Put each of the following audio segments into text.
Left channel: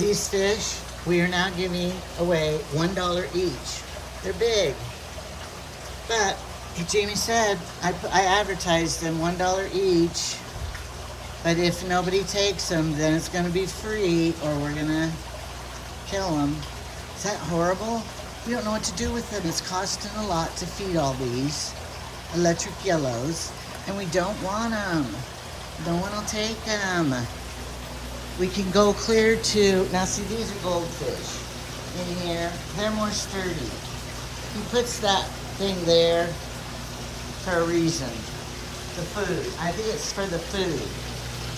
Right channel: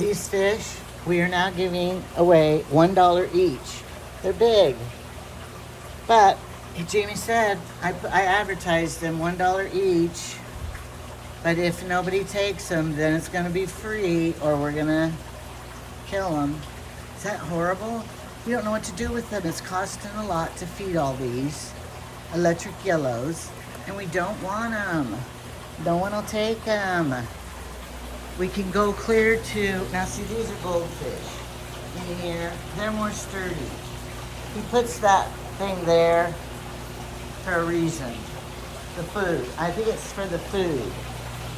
These fish, we are now giving away $1 each. They're big. But Jamie said, I advertised them $1 each. But if nobody takes them, then it's going to be free or we're going to kill them. Is that horrible? We don't know what to do with them. It's costing a lot to feed all these electric yellows. And we don't want them. No one will take them. We can go clear to, now see, these are goldfish in here. They're more sturdy. He puts that thing there for a reason. The food. I think it's for the food.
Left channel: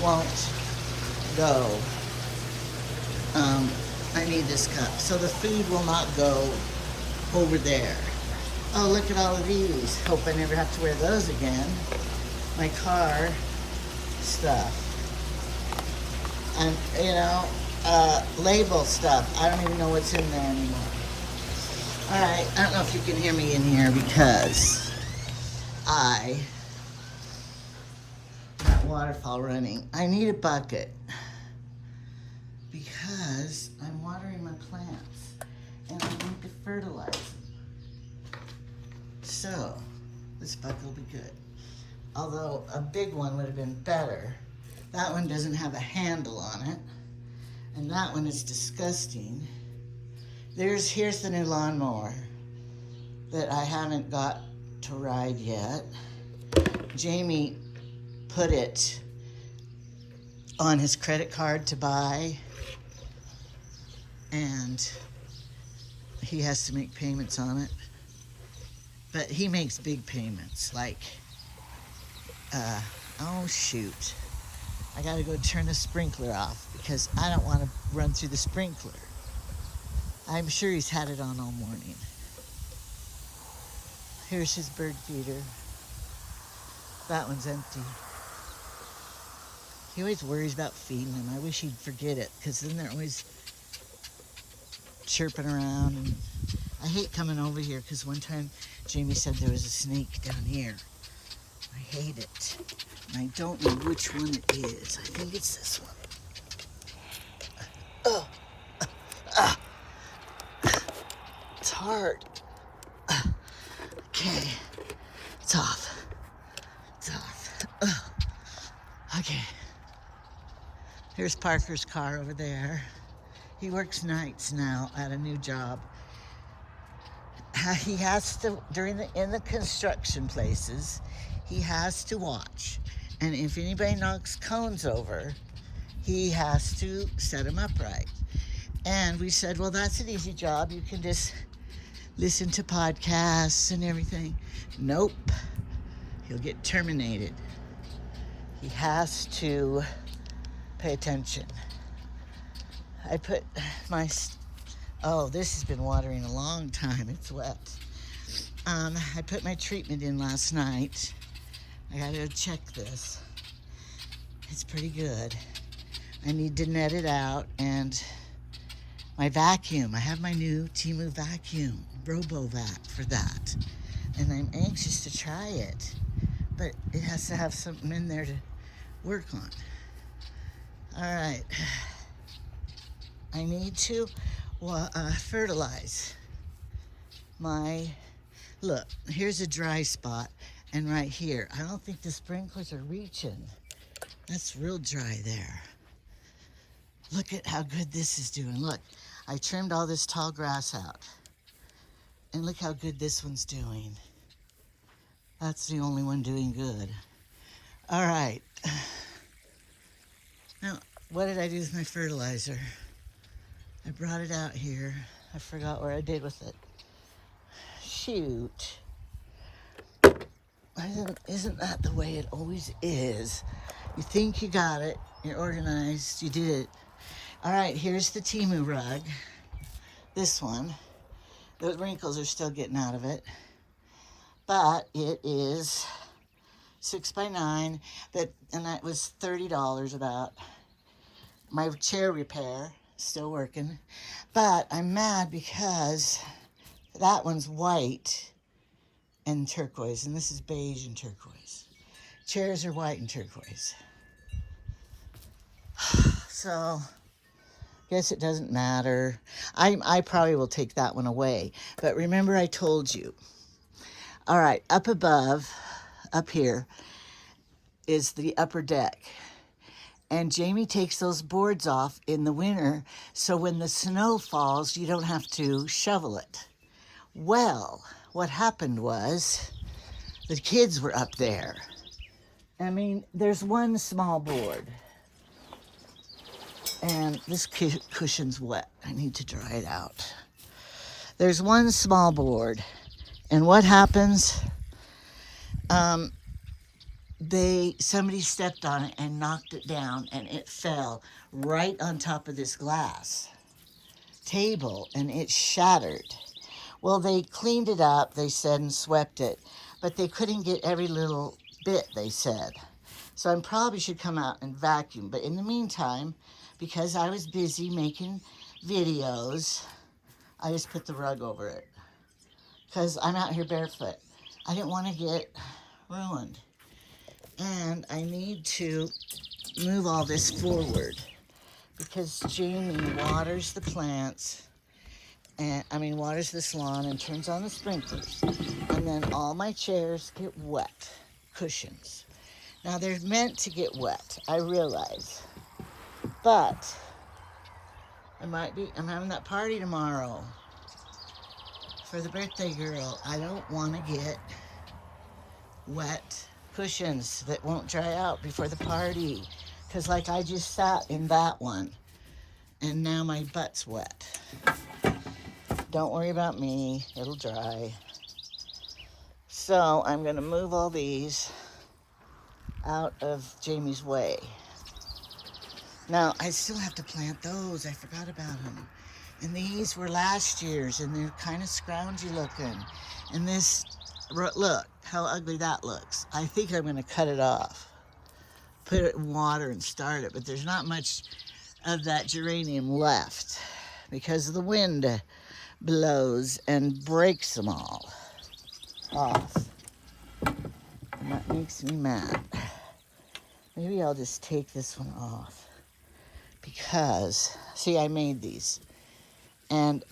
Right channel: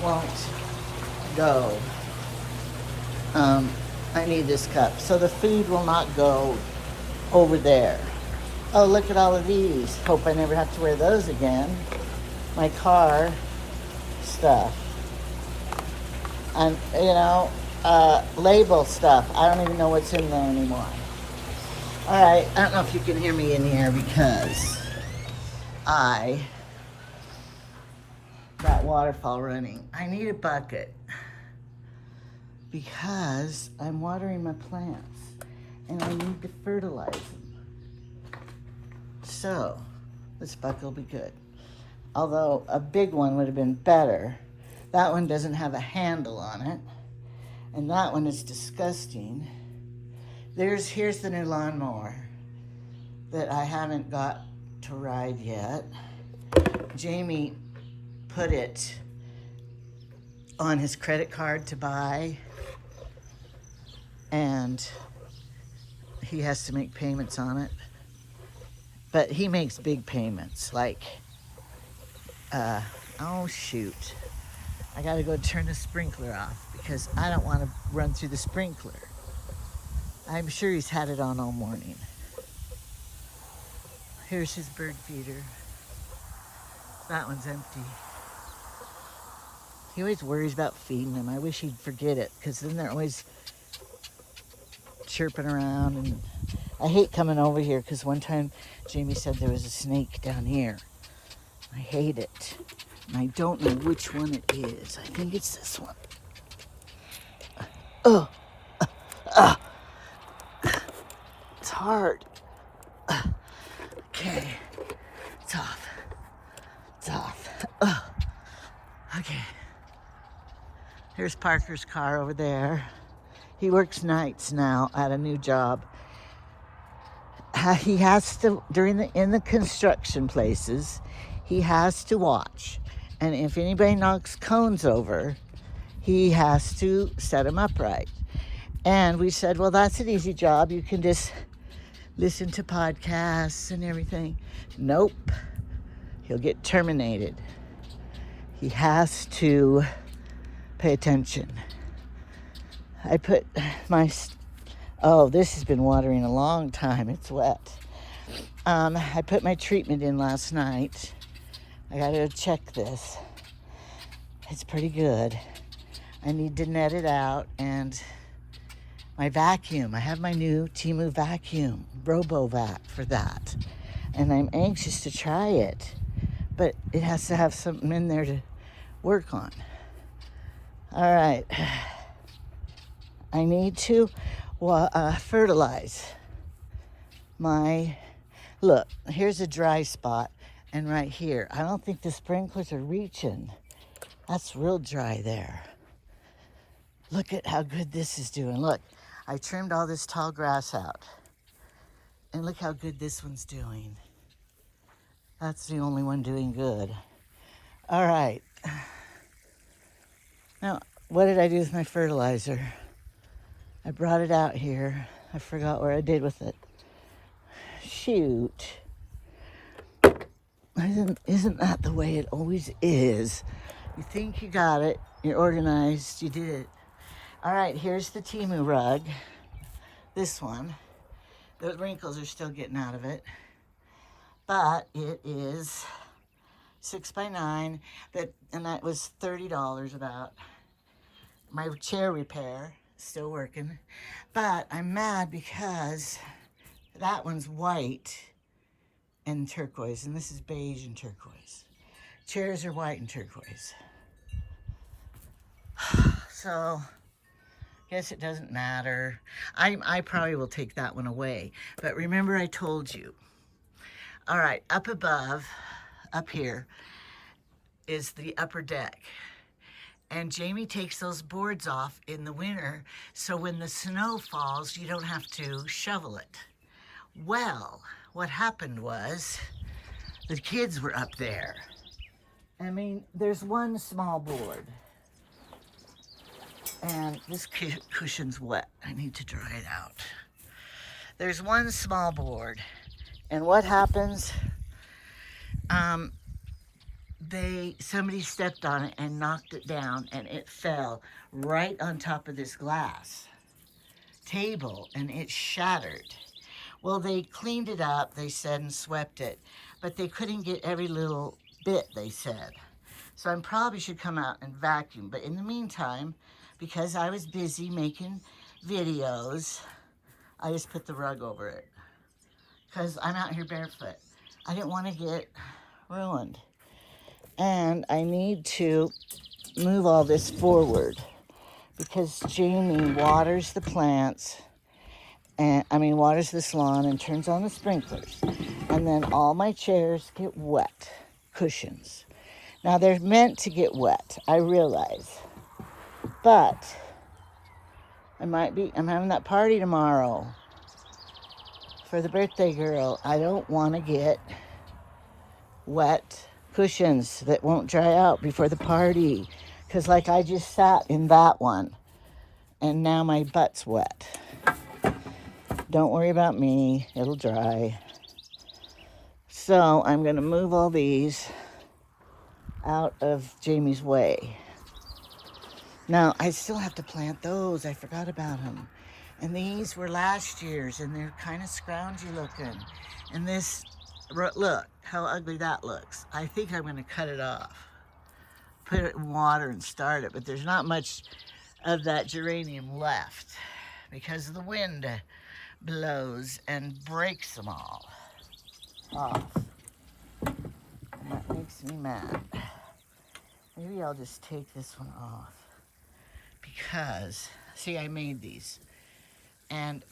Won't go. I need this cup. So the food will not go over there. Oh, look at all of these. Hope I never have to wear those again. My car stuff. And, label stuff. I don't even know what's in there anymore. All right, I don't know if you can hear me in here because I got waterfall running. I need a bucket because I'm watering my plants and I need to fertilize them. So, this bucket will be good. Although a big one would have been better. That one doesn't have a handle on it. And that one is disgusting. Here's the new lawnmower that I haven't got to ride yet. Jamie put it on his credit card to buy, and he has to make payments on it. But he makes big payments, like, oh shoot. I gotta go turn the sprinkler off because I don't want to run through the sprinkler. I'm sure he's had it on all morning. Here's his bird feeder. That one's empty. He always worries about feeding them. I wish he'd forget it because then they're always chirping around. And I hate coming over here because one time Jamie said there was a snake down here. I hate it. And I don't know which one it is. I think it's this one. Oh. It's hard. Okay. It's off. It's off. Okay. Here's Parker's car over there. He works nights now at a new job. He has to, in the construction places, he has to watch. And if anybody knocks cones over, he has to set them upright. And we said, well, that's an easy job. You can just listen to podcasts and everything. Nope. He'll get terminated. He has to pay attention. I put my, this has been watering a long time. It's wet. I put my treatment in last night. I gotta check this. It's pretty good. I need to net it out, and my vacuum. I have my new Temu vacuum, RoboVac for that. And I'm anxious to try it, but it has to have something in there to work on. All right. I need to fertilize look, here's a dry spot, and right here, I don't think the sprinklers are reaching. That's real dry there. Look at how good this is doing. Look, I trimmed all this tall grass out. And look how good this one's doing. That's the only one doing good. All right. Now, what did I do with my fertilizer? I brought it out here. I forgot where I did with it. Shoot. Isn't that the way it always is? You think you got it, you're organized, you did it. All right, here's the Temu rug. This one. The wrinkles are still getting out of it. But it is 6x9, and that was $30 about. My chair repair, still working. But I'm mad because that one's white and turquoise, and this is beige and turquoise. Chairs are white and turquoise. So, Guess it doesn't matter. I probably will take that one away. But remember I told you. All right, up above, up here, is the upper deck. And Jamie takes those boards off in the winter, so when the snow falls, you don't have to shovel it. Well, what happened was the kids were up there. I mean, there's one small board. And this cushion's wet. I need to dry it out. There's one small board. And what happens? Somebody stepped on it and knocked it down, and it fell right on top of this glass table, and it shattered. Well, they cleaned it up, they said, and swept it, but they couldn't get every little bit, they said. So I probably should come out and vacuum. But in the meantime, because I was busy making videos, I just put the rug over it. Because I'm out here barefoot. I didn't want to get ruined. And I need to move all this forward because Jamie waters the plants, and waters this lawn and turns on the sprinklers. And then all my chairs get wet, cushions. Now they're meant to get wet, I realize. But I'm having that party tomorrow for the birthday girl. I don't want to get wet cushions that won't dry out before the party. Because like I just sat in that one and now my butt's wet. Don't worry about me, it'll dry. So I'm gonna move all these out of Jamie's way. Now I still have to plant those, I forgot about them. And these were last year's and they're kind of scroungy looking. And this, look how ugly that looks. I think I'm gonna cut it off, put it in water and start it, but there's not much of that geranium left because the wind blows and breaks them all off. And that makes me mad. Maybe I'll just take this one off because, see, I made these and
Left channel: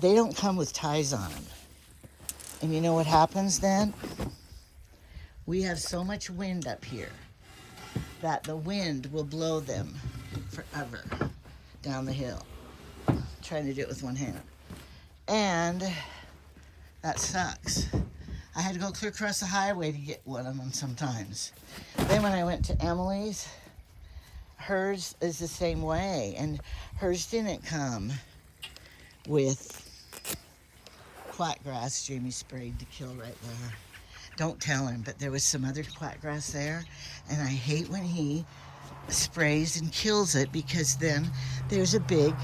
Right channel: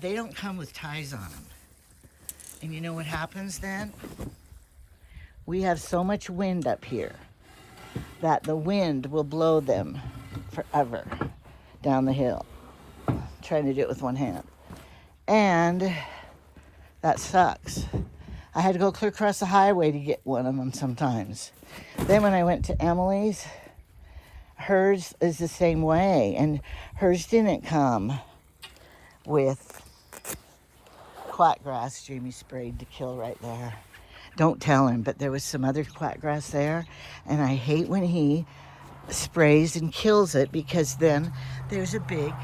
they don't come with ties on them. And you know what happens then? We have so much wind up here that the wind will blow them forever down the hill. I'm trying to do it with one hand. And that sucks. I had to go clear across the highway to get one of them sometimes. Then when I went to Emily's, hers is the same way. And hers didn't come with quackgrass Jamie sprayed to kill right there. Don't tell him, but there was some other quackgrass there. And I hate when he sprays and kills it because then there's a big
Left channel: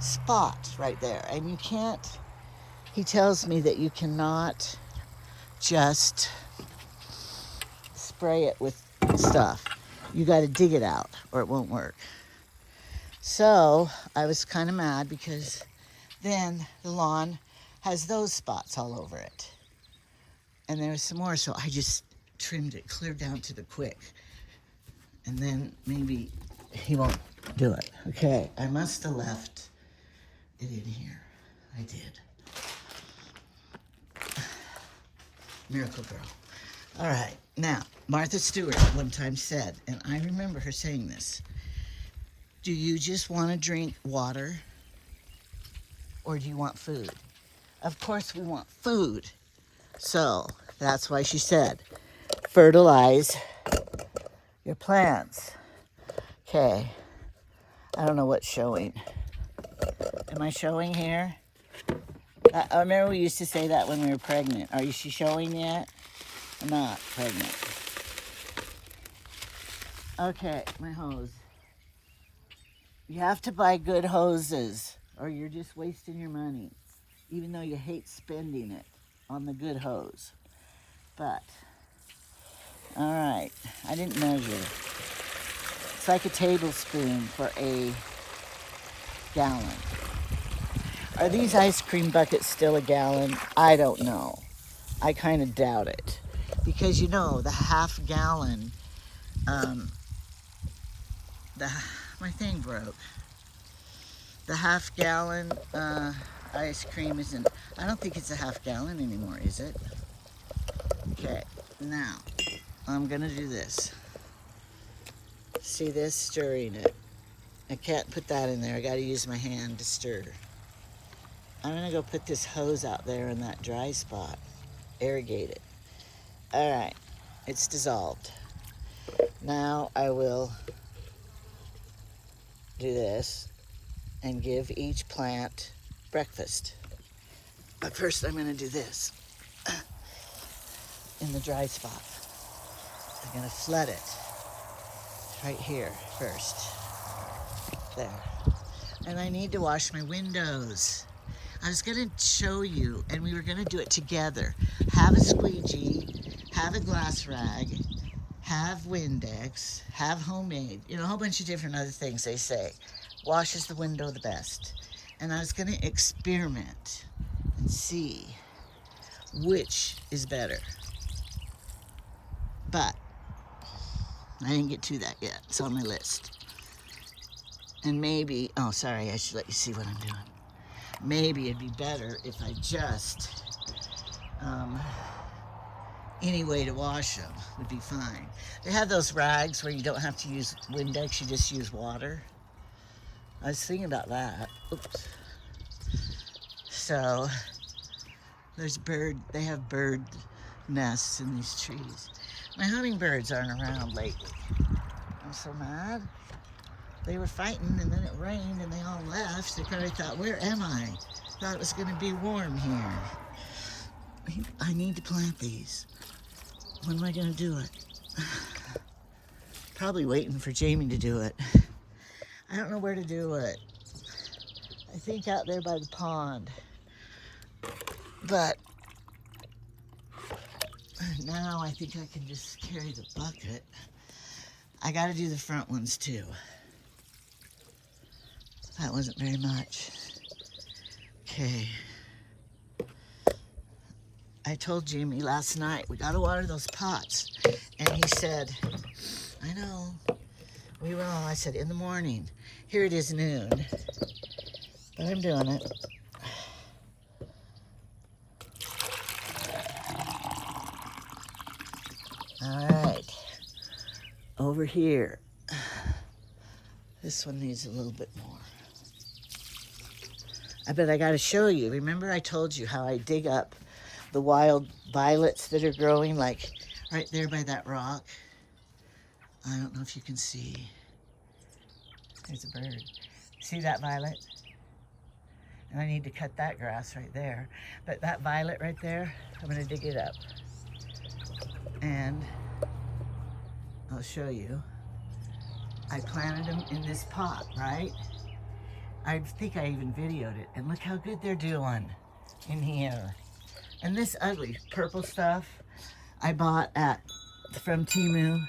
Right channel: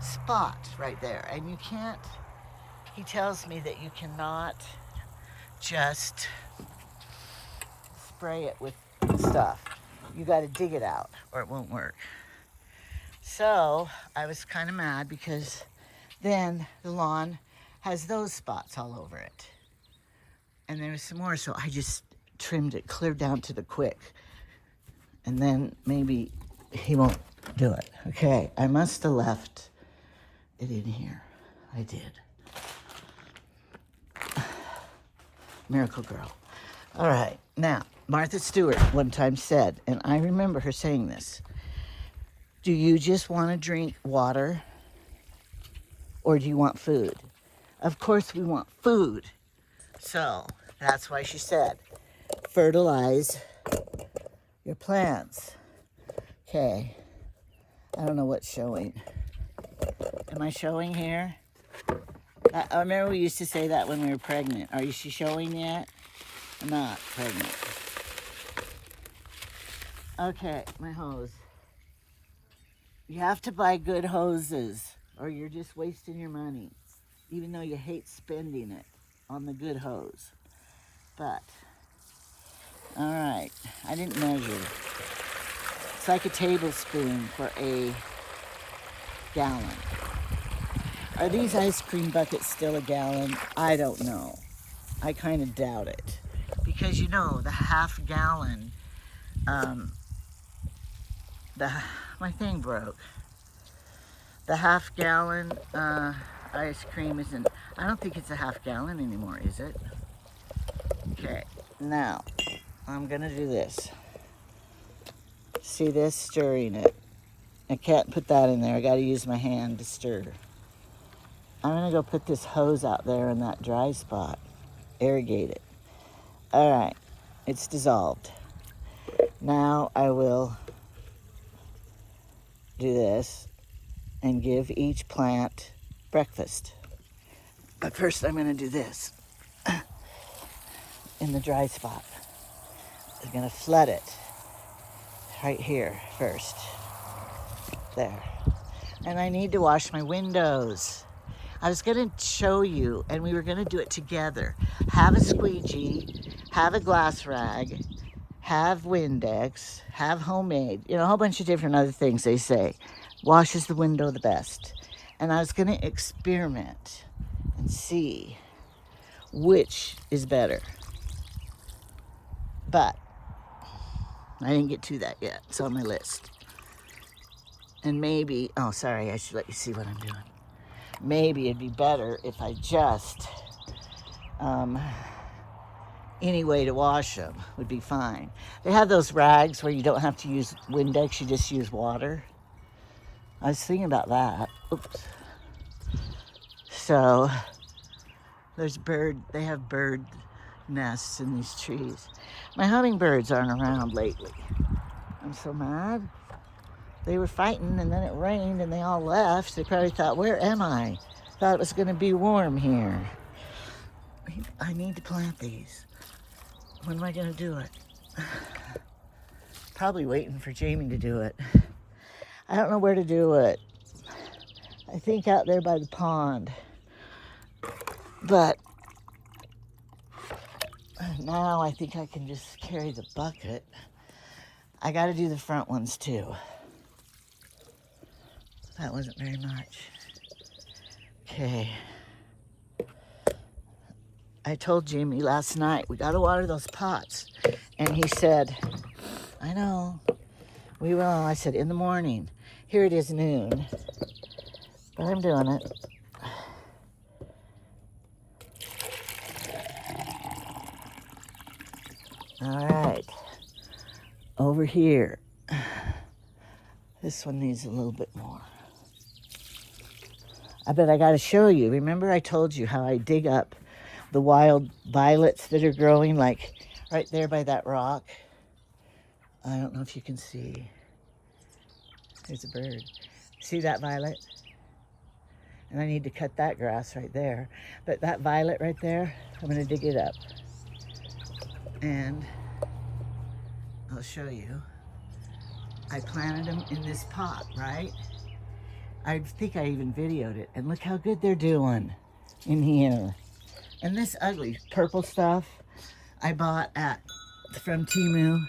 spot right there. And you can't, he tells me that you cannot just spray it with stuff. You got to dig it out or it won't work. So I was kind of mad because then the lawn has those spots all over it. And there was some more, so I just trimmed it clear down to the quick. And then maybe he won't do it. Okay, I must have left it in here. I did. Miracle Girl. All right, now, Martha Stewart one time said, and I remember her saying this, do you just want to drink water or do you want food? Of course we want food. So that's why she said, fertilize your plants. Okay, I don't know what's showing. Am I showing here? I remember we used to say that when we were pregnant. Are you showing yet? I'm not pregnant. Okay, my hose. You have to buy good hoses or you're just wasting your money, even though you hate spending it on the good hose. But, all right, I didn't measure. It's like a tablespoon for a gallon. Are these ice cream buckets still a gallon? I don't know. I kind of doubt it. Because you know, the half gallon, my thing broke. The half-gallon ice cream isn't, I don't think it's a half-gallon anymore, is it? Okay, now I'm gonna do this. See this? Stirring it. I can't put that in there. I gotta use my hand to stir. I'm gonna go put this hose out there in that dry spot. Irrigate it. All right, it's dissolved. Now I will do this and give each plant breakfast. But first I'm gonna do this in the dry spot. I'm gonna flood it right here first. There. And I need to wash my windows. I was gonna show you, and we were gonna do it together. Have a squeegee, have a glass rag, have Windex, have homemade, you know, a whole bunch of different other things they say. Washes the window the best. And I was gonna experiment and see which is better. But I didn't get to that yet. It's on my list. And maybe, oh, sorry, I should let you see what I'm doing. Maybe it'd be better if I just, any way to wash them would be fine. They have those rags where you don't have to use Windex, you just use water. I was thinking about that. Oops. So, there's they have bird nests in these trees. My hummingbirds aren't around lately. I'm so mad. They were fighting and then it rained and they all left. They probably thought, where am I? Thought it was gonna be warm here. I need to plant these. When am I gonna do it? Probably waiting for Jamie to do it. I don't know where to do it. I think out there by the pond. But now I think I can just carry the bucket. I gotta do the front ones too. That wasn't very much. Okay. I told Jamie last night, we gotta water those pots. And he said, I know, we will. I said, in the morning. Here it is noon, but I'm doing it. All right, over here. This one needs a little bit more. But I gotta show you. Remember I told you how I dig up the wild violets that are growing, like right there by that rock? I don't know if you can see. There's a bird. See that violet? And I need to cut that grass right there. But that violet right there, I'm gonna dig it up. And I'll show you. I planted them in this pot, right? I think I even videoed it. And look how good they're doing in here. And this ugly purple stuff I bought from Temu.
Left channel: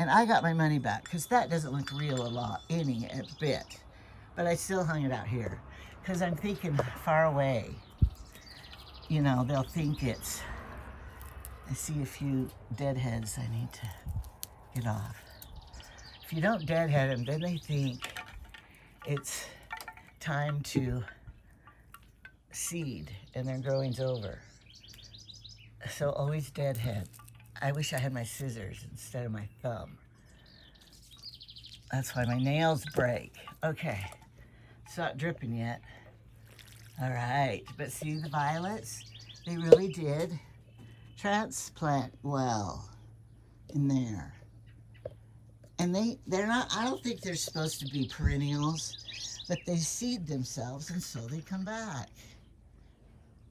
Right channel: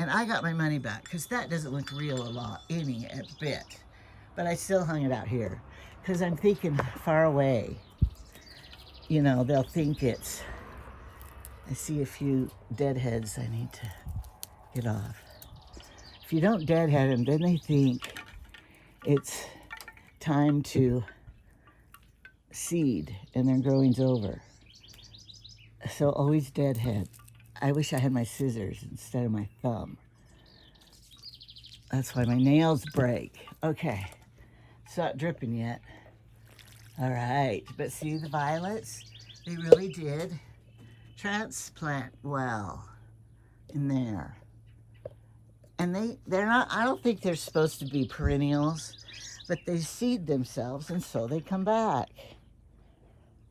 And I got my money back because that doesn't look real a bit. But I still hung it out here because I'm thinking far away. You know, they'll think it's, I see a few deadheads I need to get off. If you don't deadhead them, then they think it's time to seed and their growing's over. So always deadhead. I wish I had my scissors instead of my thumb. That's why my nails break. Okay, it's not dripping yet. All right, but see the violets? They really did transplant well in there. And they're not, I don't think they're supposed to be perennials, but they seed themselves and so they come back.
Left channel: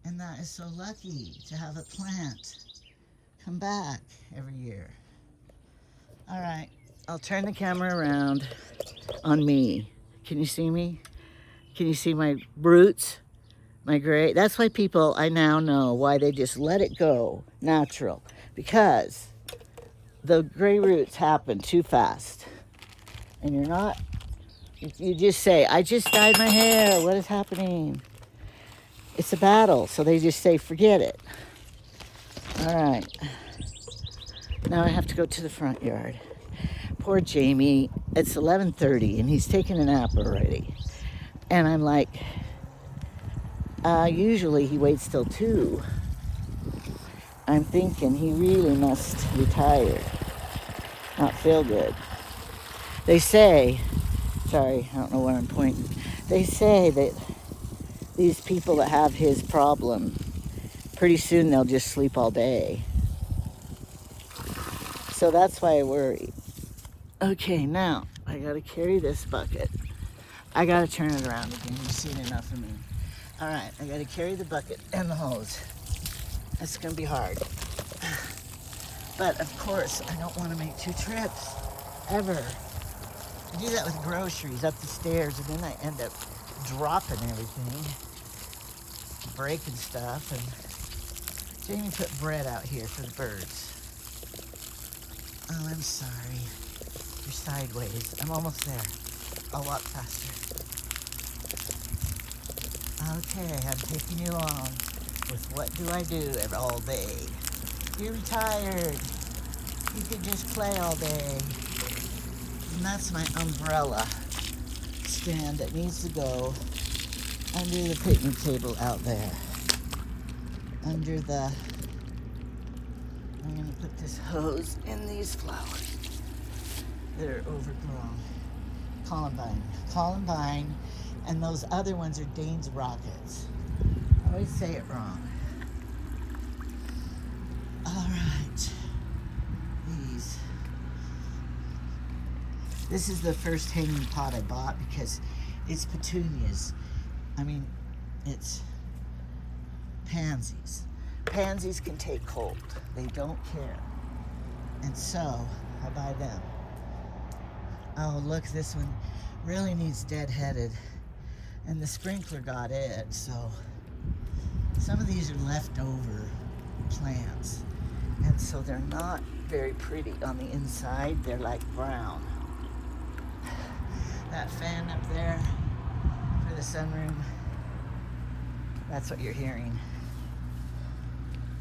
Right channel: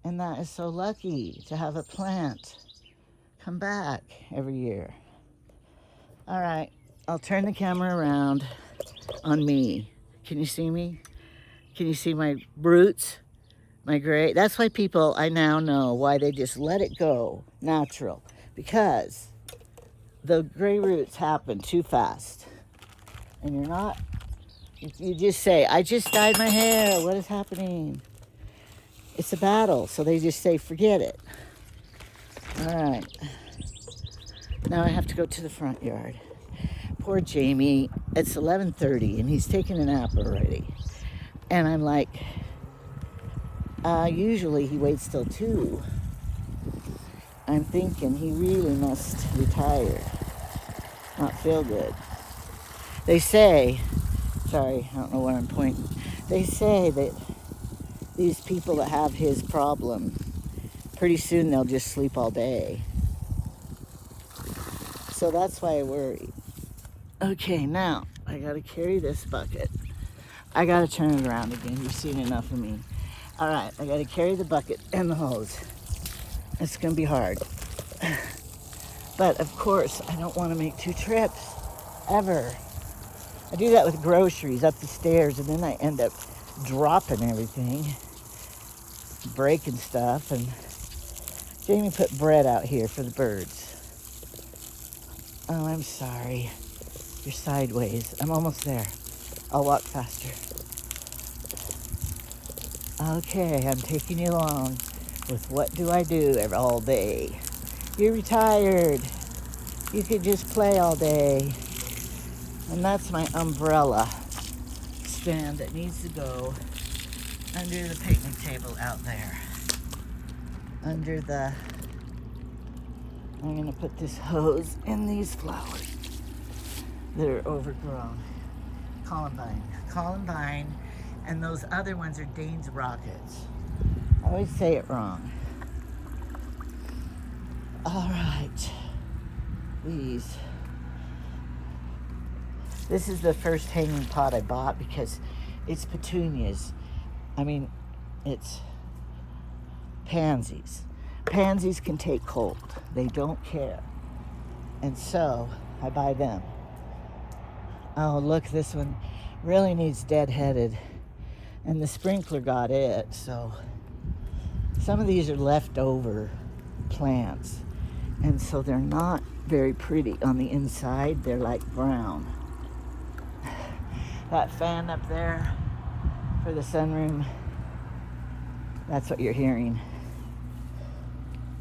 And that is so lucky to have a plant come back every year. All right, I'll turn the camera around on me. Can you see me? Can you see my roots? My gray? That's why people, I now know why they just let it go natural. Because the gray roots happen too fast. And you're not, you just say, I just dyed my hair. What is happening? It's a battle. So they just say, forget it. All right. Now I have to go to the front yard. Poor Jamie. It's 11:30 and he's taking a nap already. And I'm like, usually he waits till 2. I'm thinking he really must retire, not feel good. They say, sorry, I don't know where I'm pointing. They say that these people that have his problem, pretty soon they'll just sleep all day. So that's why I worry. Okay, now I gotta carry this bucket. I gotta turn it around again. You've seen enough of me. All right, I gotta carry the bucket and the hose. It's gonna be hard. But of course, I don't wanna make 2 trips, ever. I do that with groceries up the stairs, and then I end up dropping everything, breaking stuff, and Jamie put bread out here for the birds. Oh, I'm sorry. You're sideways. I'm almost there. I'll walk faster. Okay, I'm taking you along with what do I do all day. You're retired. You could just play all day. And that's my umbrella stand that needs to go under the picnic table out there. Under the, I'm gonna put this hose in these flowers. They're overgrown. Columbine, and those other ones are Dane's rockets. I always say it wrong. All right, these. This is the first hanging pot I bought because it's petunias. I mean, it's pansies. Pansies can take cold. They don't care. And so I buy them. Oh, look, this one really needs deadheaded. And the sprinkler got it, so some of these are leftover plants. And so they're not very pretty on the inside. They're like brown. That fan up there for the sunroom, that's what you're hearing.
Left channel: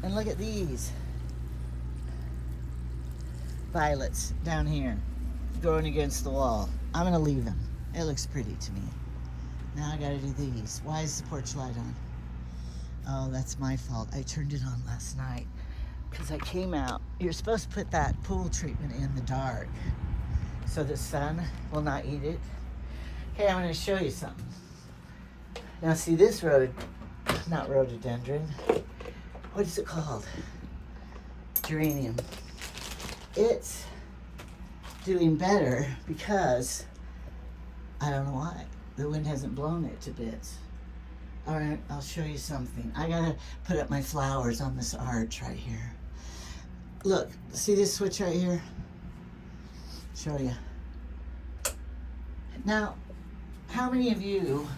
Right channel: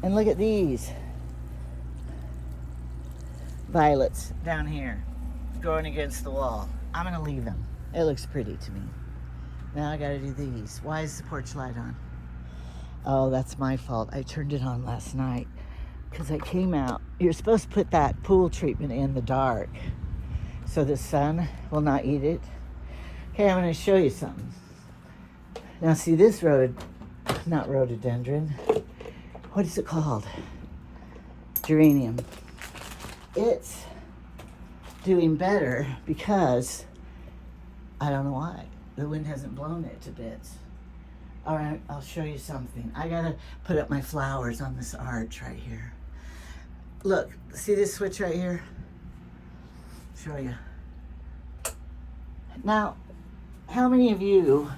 And look at these violets down here growing against the wall. I'm gonna leave them. It looks pretty to me. Now I gotta do these. Why is the porch light on? Oh, that's my fault. I turned it on last night because I came out. You're supposed to put that pool treatment in the dark so the sun will not eat it. Okay, I'm gonna show you something. Now see this not rhododendron. What is it called? Geranium. It's doing better because I don't know why. The wind hasn't blown it to bits. All right, I'll show you something. I gotta put up my flowers on this arch right here. Look, see this switch right here? Show you. Now, how many of you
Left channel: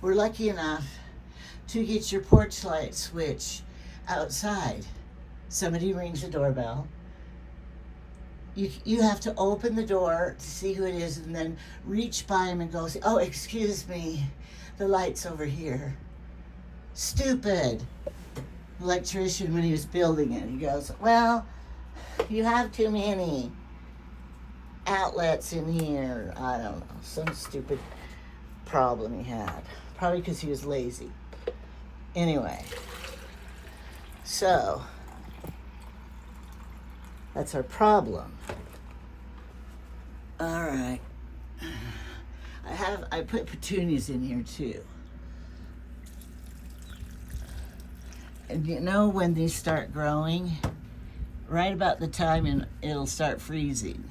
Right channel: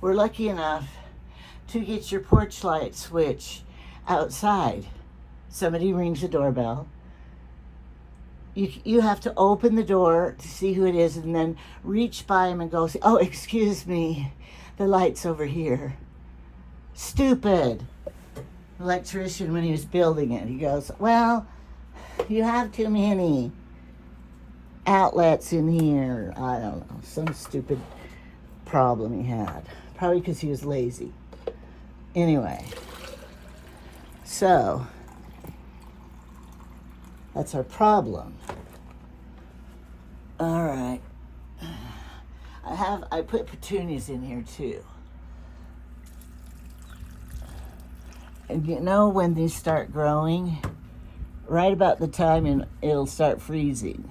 were lucky enough to get your porch light switch outside? Somebody rings the doorbell. You have to open the door to see who it is and then reach by him and go, oh, excuse me, the light's over here. Stupid. Electrician, when he was building it, he goes, well, you have too many outlets in here. I don't know, some stupid problem he had. Probably because he was lazy. Anyway, so that's our problem. All right. I put petunias in here too. And you know when these start growing, right about the time it'll start freezing.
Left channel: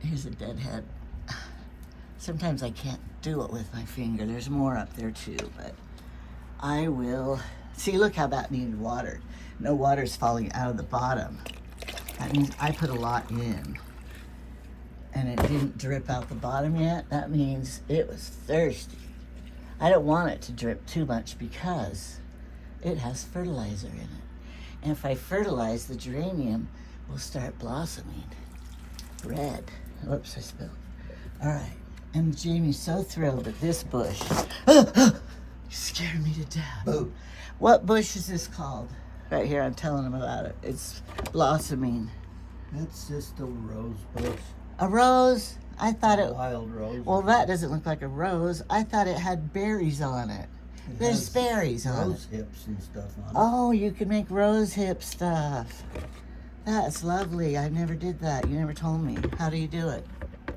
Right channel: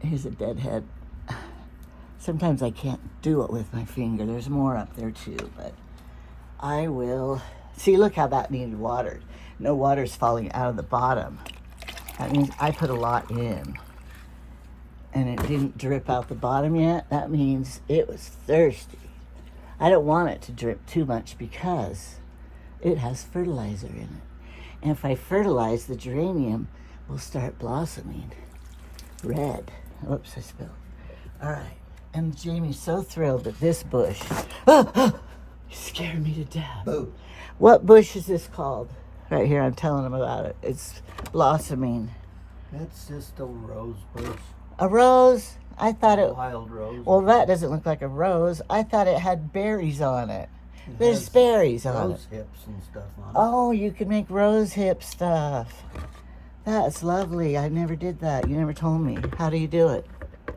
Here's a deadhead. Sometimes I can't do it with my finger. There's more up there too, but I will. See, look how that needed watered. No water's falling out of the bottom. That means I put a lot in. And it didn't drip out the bottom yet. That means it was thirsty. I don't want it to drip too much because it has fertilizer in it. And if I fertilize, the geranium will start blossoming red. Whoops, I spilled. All right. And Jamie's so thrilled at this bush. You scared me to death. Boo. What bush is this called? Right here, I'm telling him about it. It's blossoming. It's just a rose bush. A rose? I thought it. Wild rose. Well, that doesn't look like a rose. I thought it had berries on it. There's berries on it. Rose hips and stuff on it. Oh, you can make rose hip stuff. That's lovely. I never did that. You never told me. How do you do it? I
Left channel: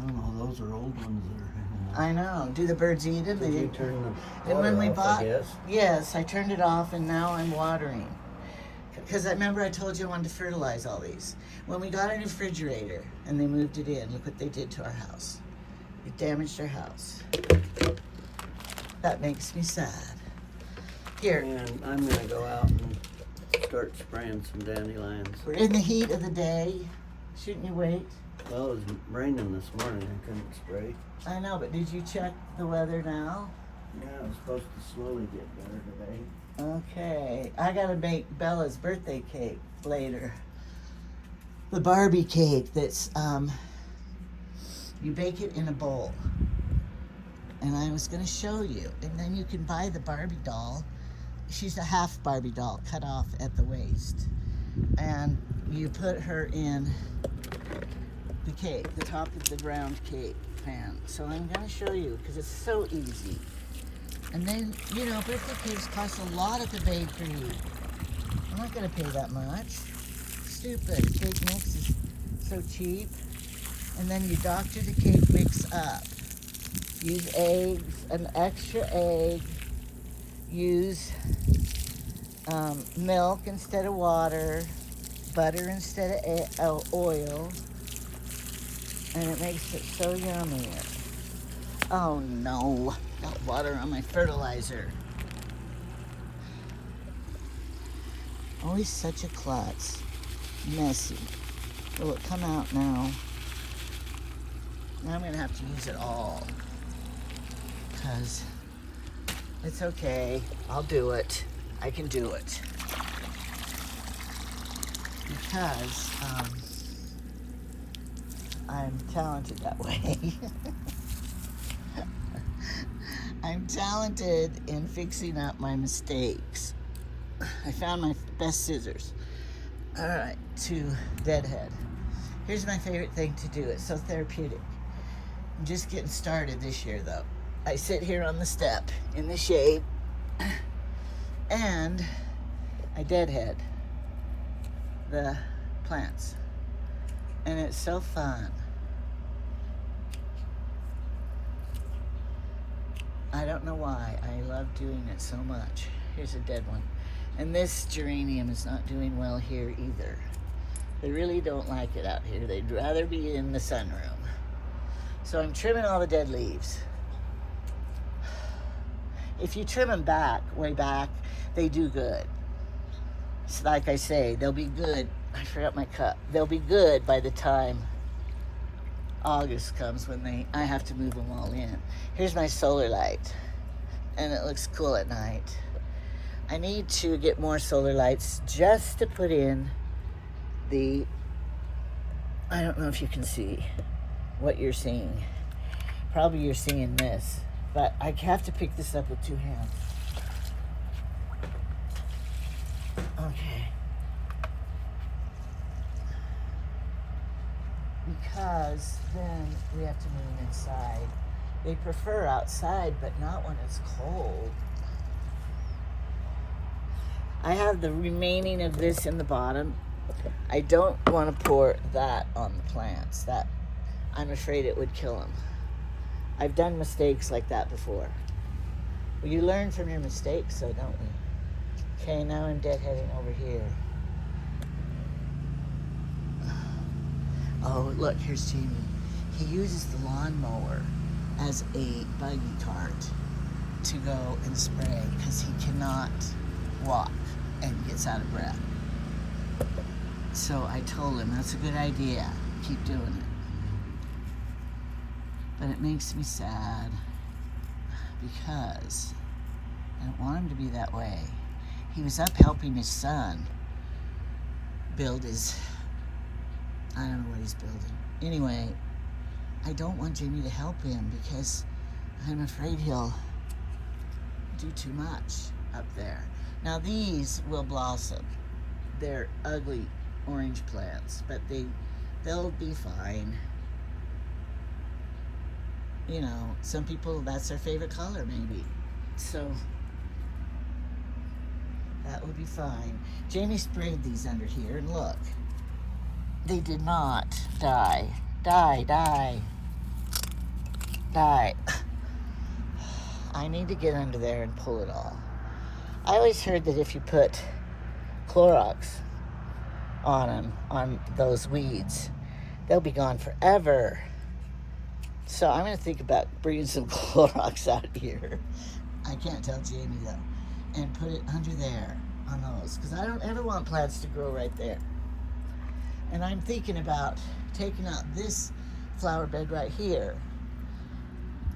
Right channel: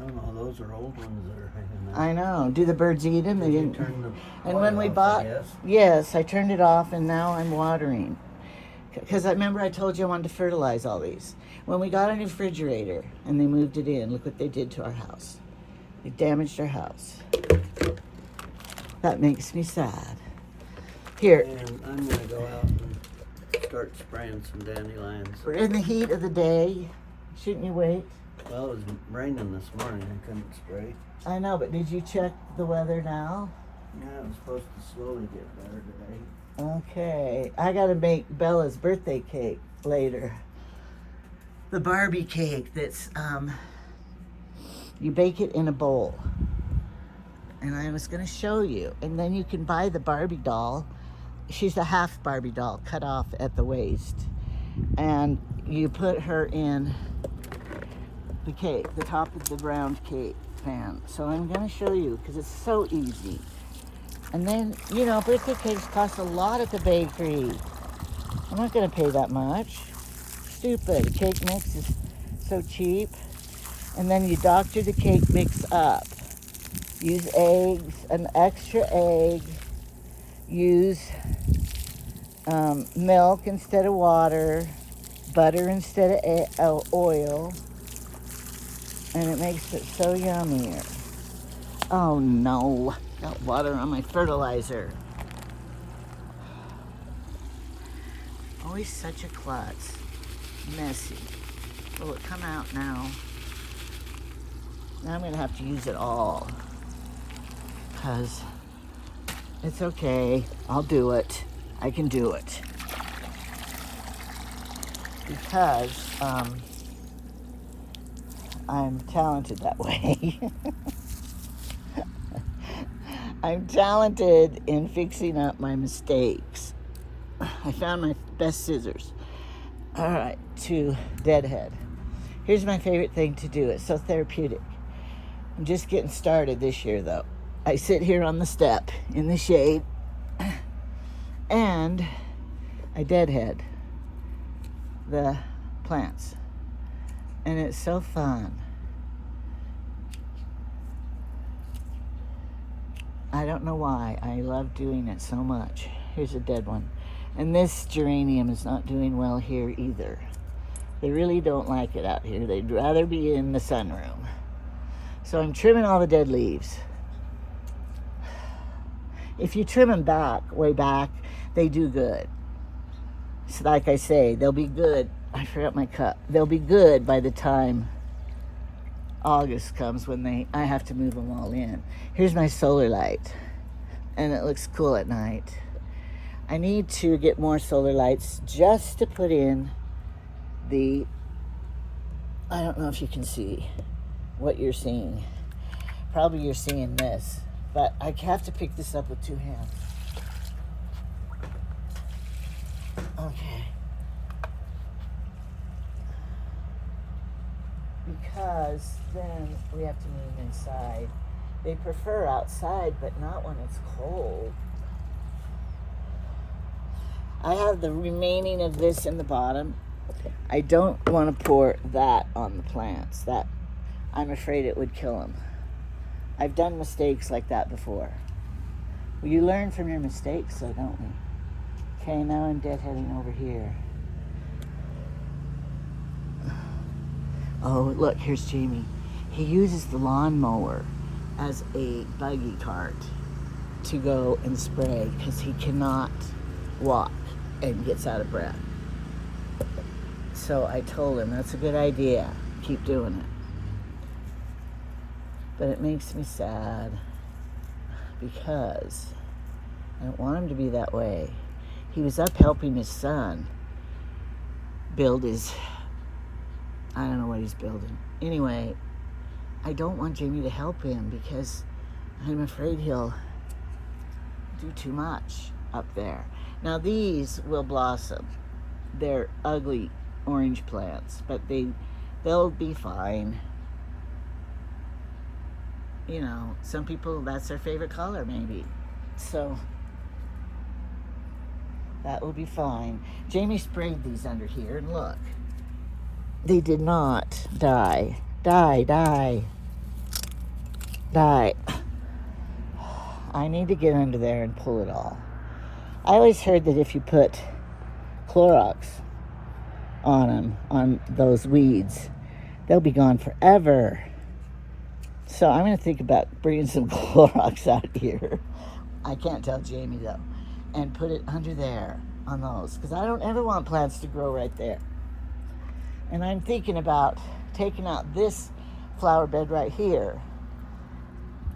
don't know. Those are old ones that are hanging there. I know. Do the birds eat them? Did you turn the And when water we off, bought, I guess? yes, I turned it off, and now I'm watering. Because I remember I told you I wanted to fertilize all these. When we got a new refrigerator and they moved it in, look what they did to our house. It damaged our house. That makes me sad. Here. And I'm going to go out and start spraying some dandelions. We're in the heat of the day. Shouldn't you wait? Well, it was raining this morning. I couldn't spray. I know, but did you check the weather now? Yeah, it was supposed to slowly get better today. Okay. I got to make Bella's birthday cake later. The Barbie cake that's, you bake it in a bowl. And I was going to show you. And then you can buy the Barbie doll. She's a half Barbie doll, cut off at the waist. And you put her in the cake, the top of the round cake pan. So I'm going to show you because it's so easy. And then, you know, birthday cakes cost a lot at the bakery. I'm not going to pay that much. Stupid. Cake mix is so cheap. And then you doctor the cake mix up. Use eggs, an extra egg. Use milk instead of water. Butter instead of oil. And it makes it so yummy. Oh no, got water on my fertilizer. Always such a klutz. Messy. Will it come out now? Now I'm gonna have to use it all. Because it's okay, I'll do it. I can do it. Because I'm talented that way. I'm talented in fixing up my mistakes. I found my best scissors. All right, to deadhead. Here's my favorite thing to do. It's so therapeutic. I'm just getting started this year, though. I sit here on the step in the shade, and I deadhead the plants. And it's so fun. I don't know why. I love doing it so much. Here's a dead one. And this geranium is not doing well here either. They really don't like it out here. They'd rather be in the sunroom. So I'm trimming all the dead leaves. If you trim them back, way back, they do good. So like I say, they'll be good. I forgot my cup. They'll be good by the time August comes when I have to move them all in. Here's my solar light, and it looks cool at night. I need to get more solar lights just to put in the, I don't know if you can see what you're seeing. Probably you're seeing this, but I have to pick this up with two hands. Okay. Because then we have to move inside. They prefer outside, but not when it's cold. I have the remaining of this in the bottom. I don't want to pour that on the plants. That, I'm afraid it would kill them. I've done mistakes like that before. Well, you learn from your mistakes, though, don't we? Okay, now I'm deadheading over here. Oh, look, here's Jamie. He uses the lawnmower as a buggy cart to go and spray because he cannot walk and gets out of breath. So I told him, that's a good idea. Keep doing it. But it makes me sad because I don't want him to be that way. He was up helping his son build his, I don't know what he's building. Anyway, I don't want Jamie to help him because I'm afraid he'll do too much up there. Now these will blossom. They're ugly orange plants, but they'll be fine. you know, some people, that's their favorite color maybe. So that will be fine. Jamie sprayed these under here, and look, they did not die. Die. I need to get under there and pull it all. I always heard that if you put Clorox on them, on those weeds, they'll be gone forever. So I'm going to think about bringing some Clorox out here. I can't tell Jamie though. And put it under there on those, because I don't ever want plants to grow right there. And I'm thinking about taking out this flower bed right here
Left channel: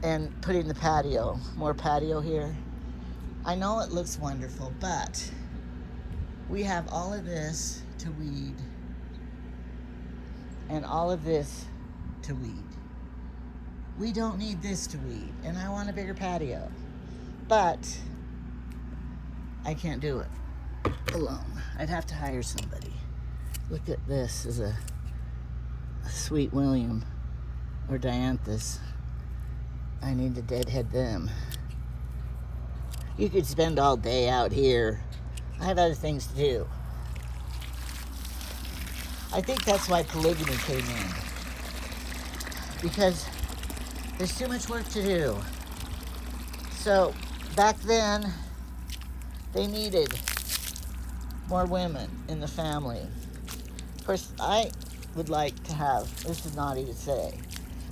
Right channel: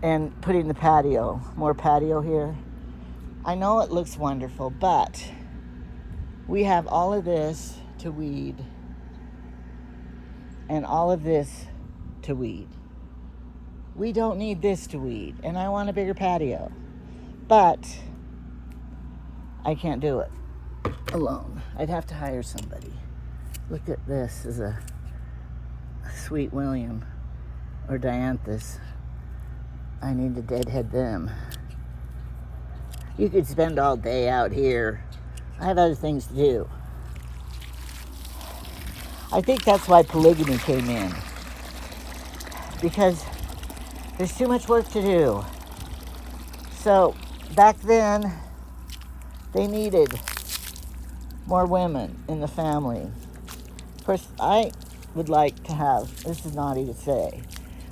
and putting the patio, more patio here. I know it looks wonderful, but we have all of this to weed and all of this to weed. We don't need this to weed, and I want a bigger patio, but I can't do it alone. I'd have to hire somebody. Look at this is a Sweet William or Dianthus. I need to deadhead them. You could spend all day out here. I have other things to do. I think that's why polygamy came in, because there's too much work to do. So back then, they needed more women in the family. Of course, I would like to have, this is naughty to say,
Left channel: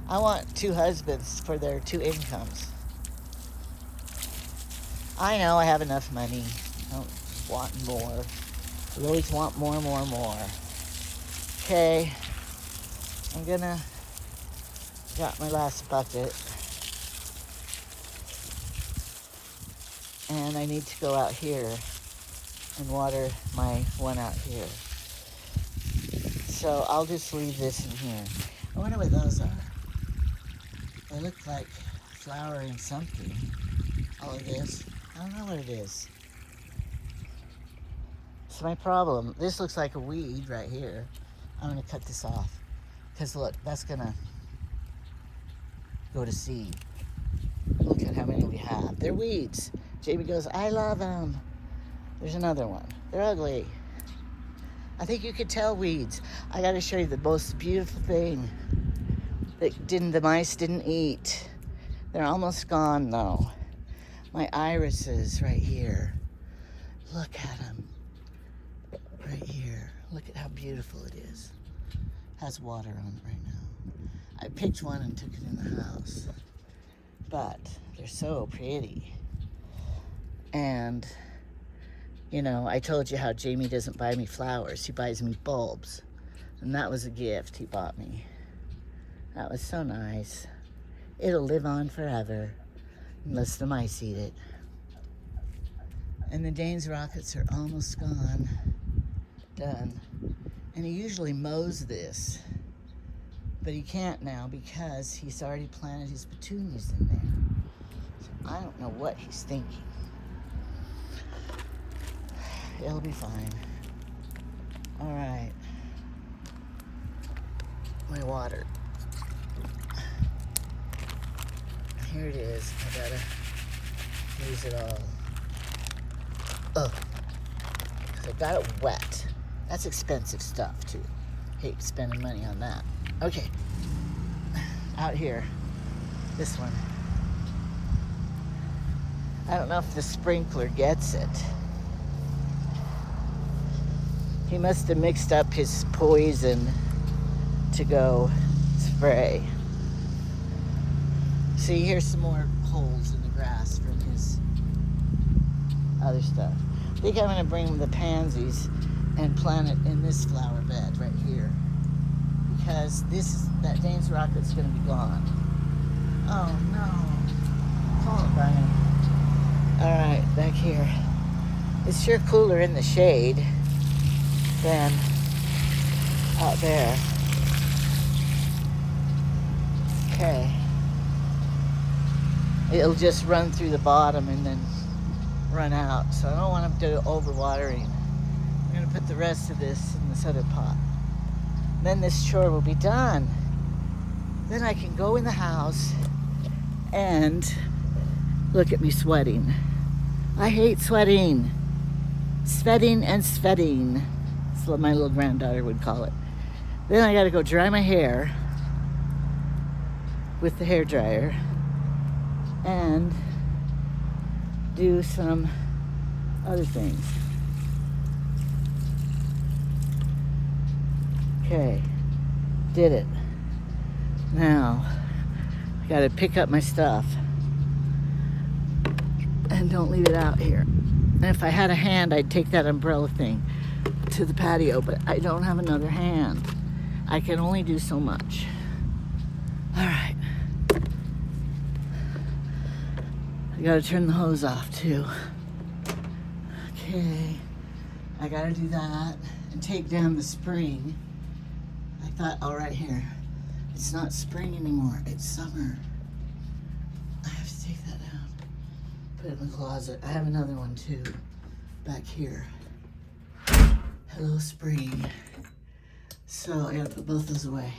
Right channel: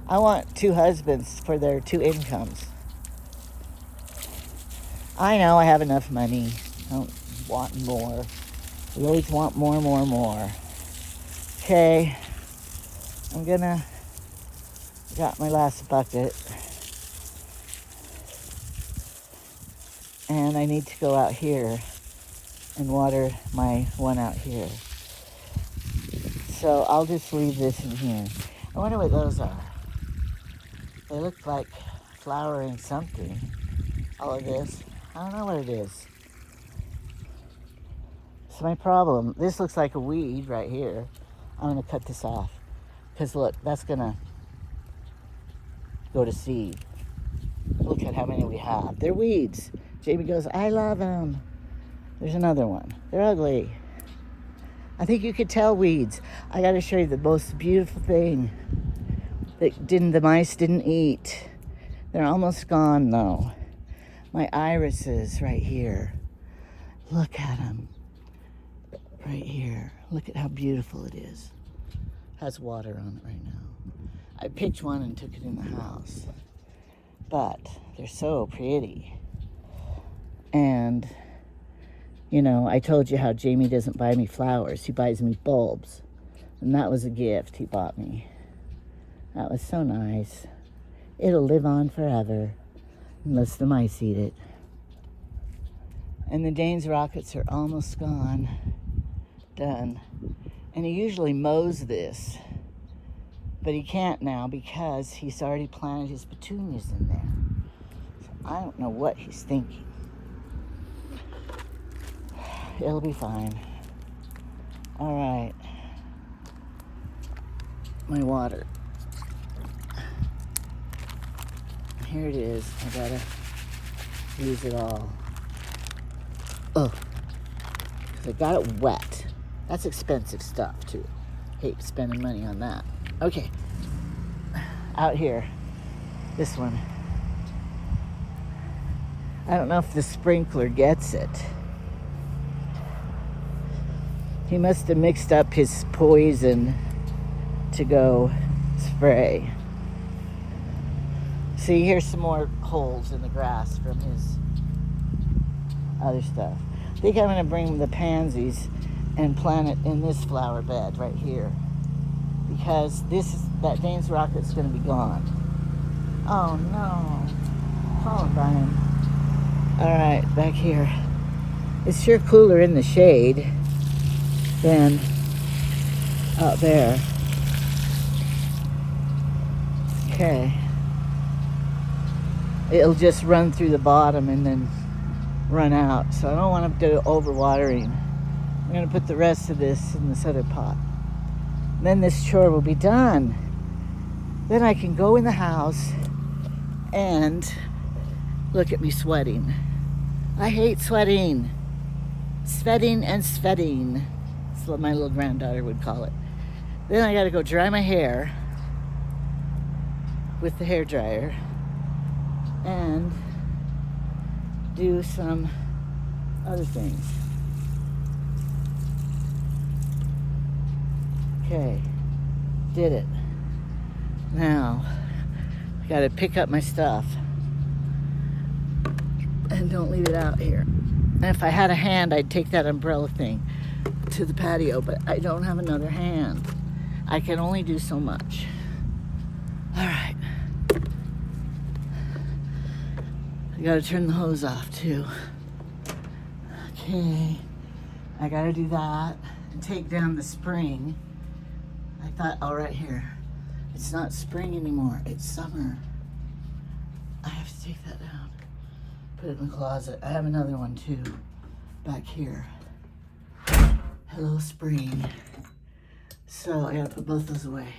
I want 2 husbands for their 2 incomes. I know I have enough money. I don't want more. We always want more. Okay, I'm gonna, got my last bucket. And I need to go out here and water my one out here. So I'll just leave this in here. I wonder what those are. They look like flowering something. All of this. I don't know what it is. It's my problem. This looks like a weed right here. I'm gonna cut this off. Because look, that's gonna go to seed. Look at how many we have. They're weeds. Jamie goes, I love them. There's another one. They're ugly. I think you could tell weeds. I gotta show you the most beautiful thing that the mice didn't eat. They're almost gone though. My irises right here. Look at them. Right here. Look at how beautiful it is. Has water on it right now. I picked one and took it in the house. But they're so pretty. And, you know, I told you how Jamie doesn't buy me flowers. He buys me bulbs. And that was a gift he bought me. That was so nice. It'll live on forever, unless the mice eat it. And the Dane's rockets are almost gone. Done. And he usually mows this. But he can't now because he's already planted his petunias in there. So I don't know what he's thinking. It'll be fine. All right. My water. Here it is. I gotta use it all. Ugh. 'Cause I got it wet. That's expensive stuff too. Hate spending money on that. Okay. Out here. This one. I don't know if the sprinkler gets it. He must have mixed up his poison to go spray. See, here's some more holes in the grass from his other stuff. I think I'm gonna bring the pansies and plant it in this flower bed right here. Because that Dane's rocket's gonna be gone. Oh no. Call it, Brian. All right, back here. It's sure cooler in the shade than out there. Okay. It'll just run through the bottom and then run out. So I don't want to do overwatering. I'm going to put the rest of this in this other pot. Then this chore will be done. Then I can go in the house And look at me sweating. I hate sweating. Sweating and sweating. That's what my little granddaughter would call it. Then I gotta go dry my hair with the hair dryer and do some other things. Okay, did it. Now, I gotta pick up my stuff and don't leave it out here. And if I had a hand, I'd take that umbrella thing to the patio, but I don't have another hand. I can only do so much. All right. I gotta turn the hose off too. Okay, I gotta do that and take down the spring. I thought, oh, right here. It's not spring anymore, it's summer. I have to take that down. Put it in the closet. I have another one too, back here. Hello, spring. So I gotta put both those away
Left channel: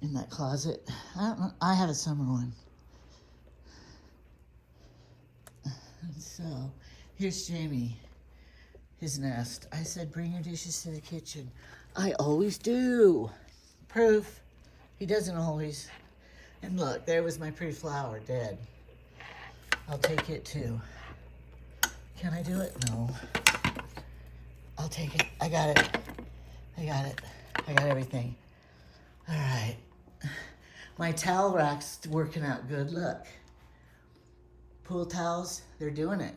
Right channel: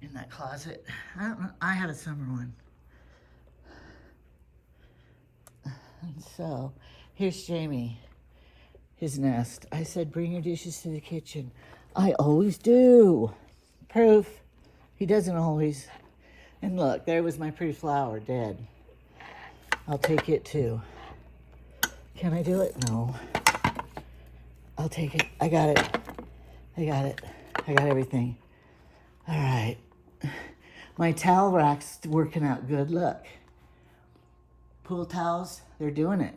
in that closet. I don't know, I have a summer one. And so, here's Jamie, his nest. I said, bring your dishes to the kitchen. I always do. Proof. He doesn't always. And look, there was my pretty flower dead. I'll take it too. Can I do it? No. I'll take it. I got it. I got it. I got everything. All right. My towel rack's working out good. Look. Pool towels, they're doing it.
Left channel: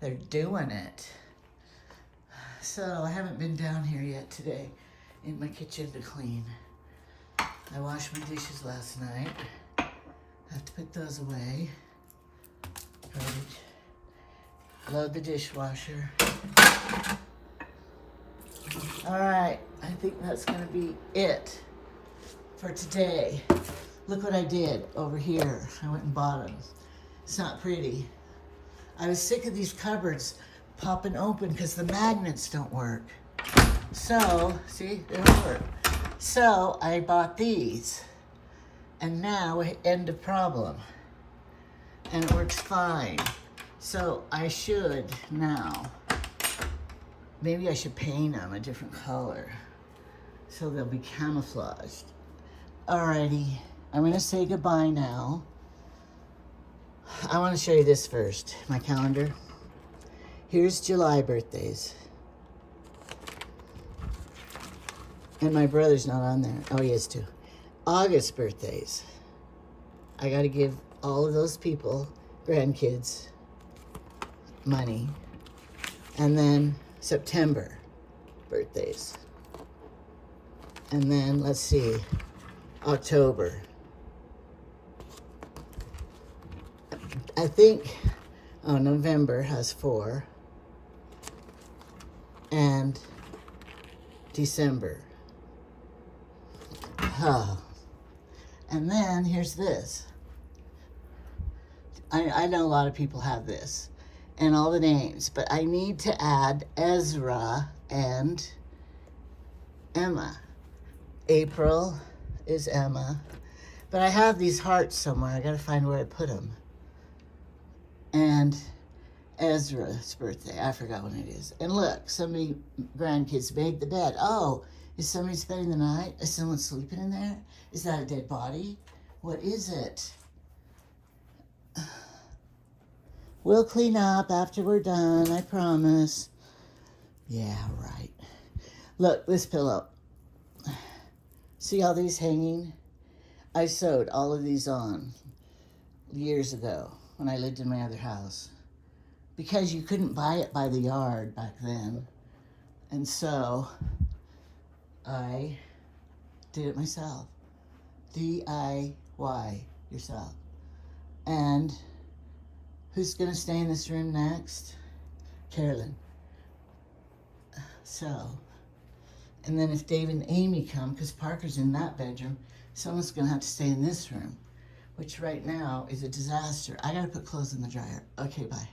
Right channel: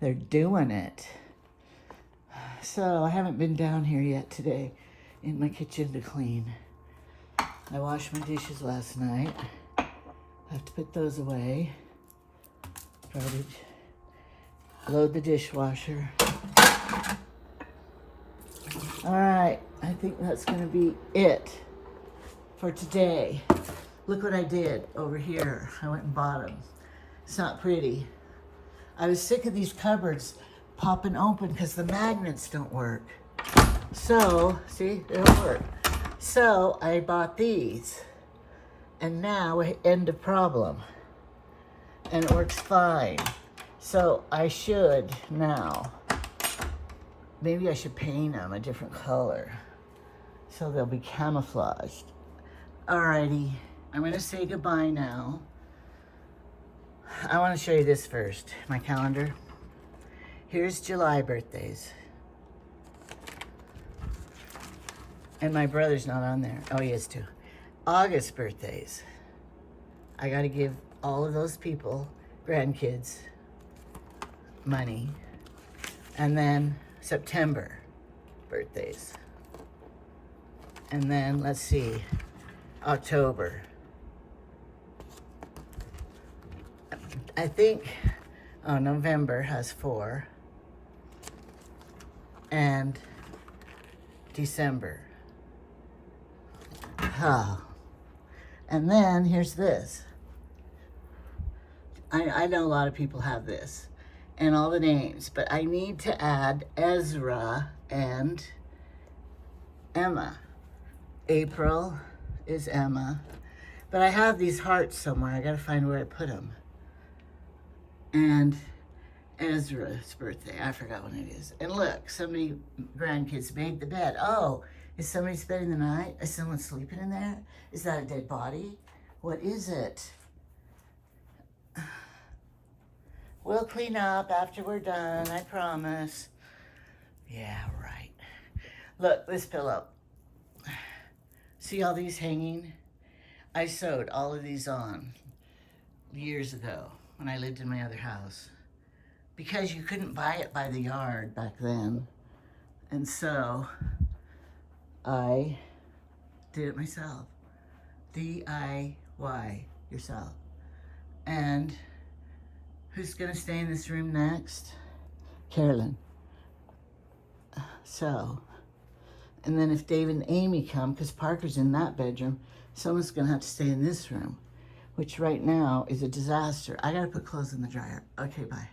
They're doing it. So I haven't been down here yet today in my kitchen to clean. I washed my dishes last night. I have to put those away. Garbage. Load the dishwasher. All right, I think that's gonna be it for today. Look what I did over here. I went and bought them. It's not pretty. I was sick of these cupboards popping open because the magnets don't work. So, see, they don't work. So I bought these. And now, end of problem. And it works fine. So I should now, maybe I should paint them a different color so they'll be camouflaged. Alrighty, I'm gonna say goodbye now. I wanna show you this first, my calendar. Here's July birthdays. And my brother's not on there. Oh, he is too. August birthdays. I gotta give all of those people, grandkids, money. And then September birthdays. And then, let's see, October. I think, oh, November has 4. And December. Oh. And then here's this. I know a lot of people have this and all the names, but I need to add Ezra and Emma. April is Emma, but I have these hearts somewhere. I gotta find where I put them. And Ezra's birthday, I forgot when it is. And look, somebody, grandkids made the bed. Oh, is somebody spending the night? Is someone sleeping in there? Is that a dead body? What is it? We'll clean up after we're done, I promise. Yeah, right. Look, this pillow. See all these hanging? I sewed all of these on years ago when I lived in my other house because you couldn't buy it by the yard back then. And so I did it myself. DIY yourself. And who's gonna stay in this room next? Carolyn. So, and then if Dave and Amy come, because Parker's in that bedroom, someone's gonna have to stay in this room, which right now is a disaster. I gotta put clothes in the dryer. Okay, bye.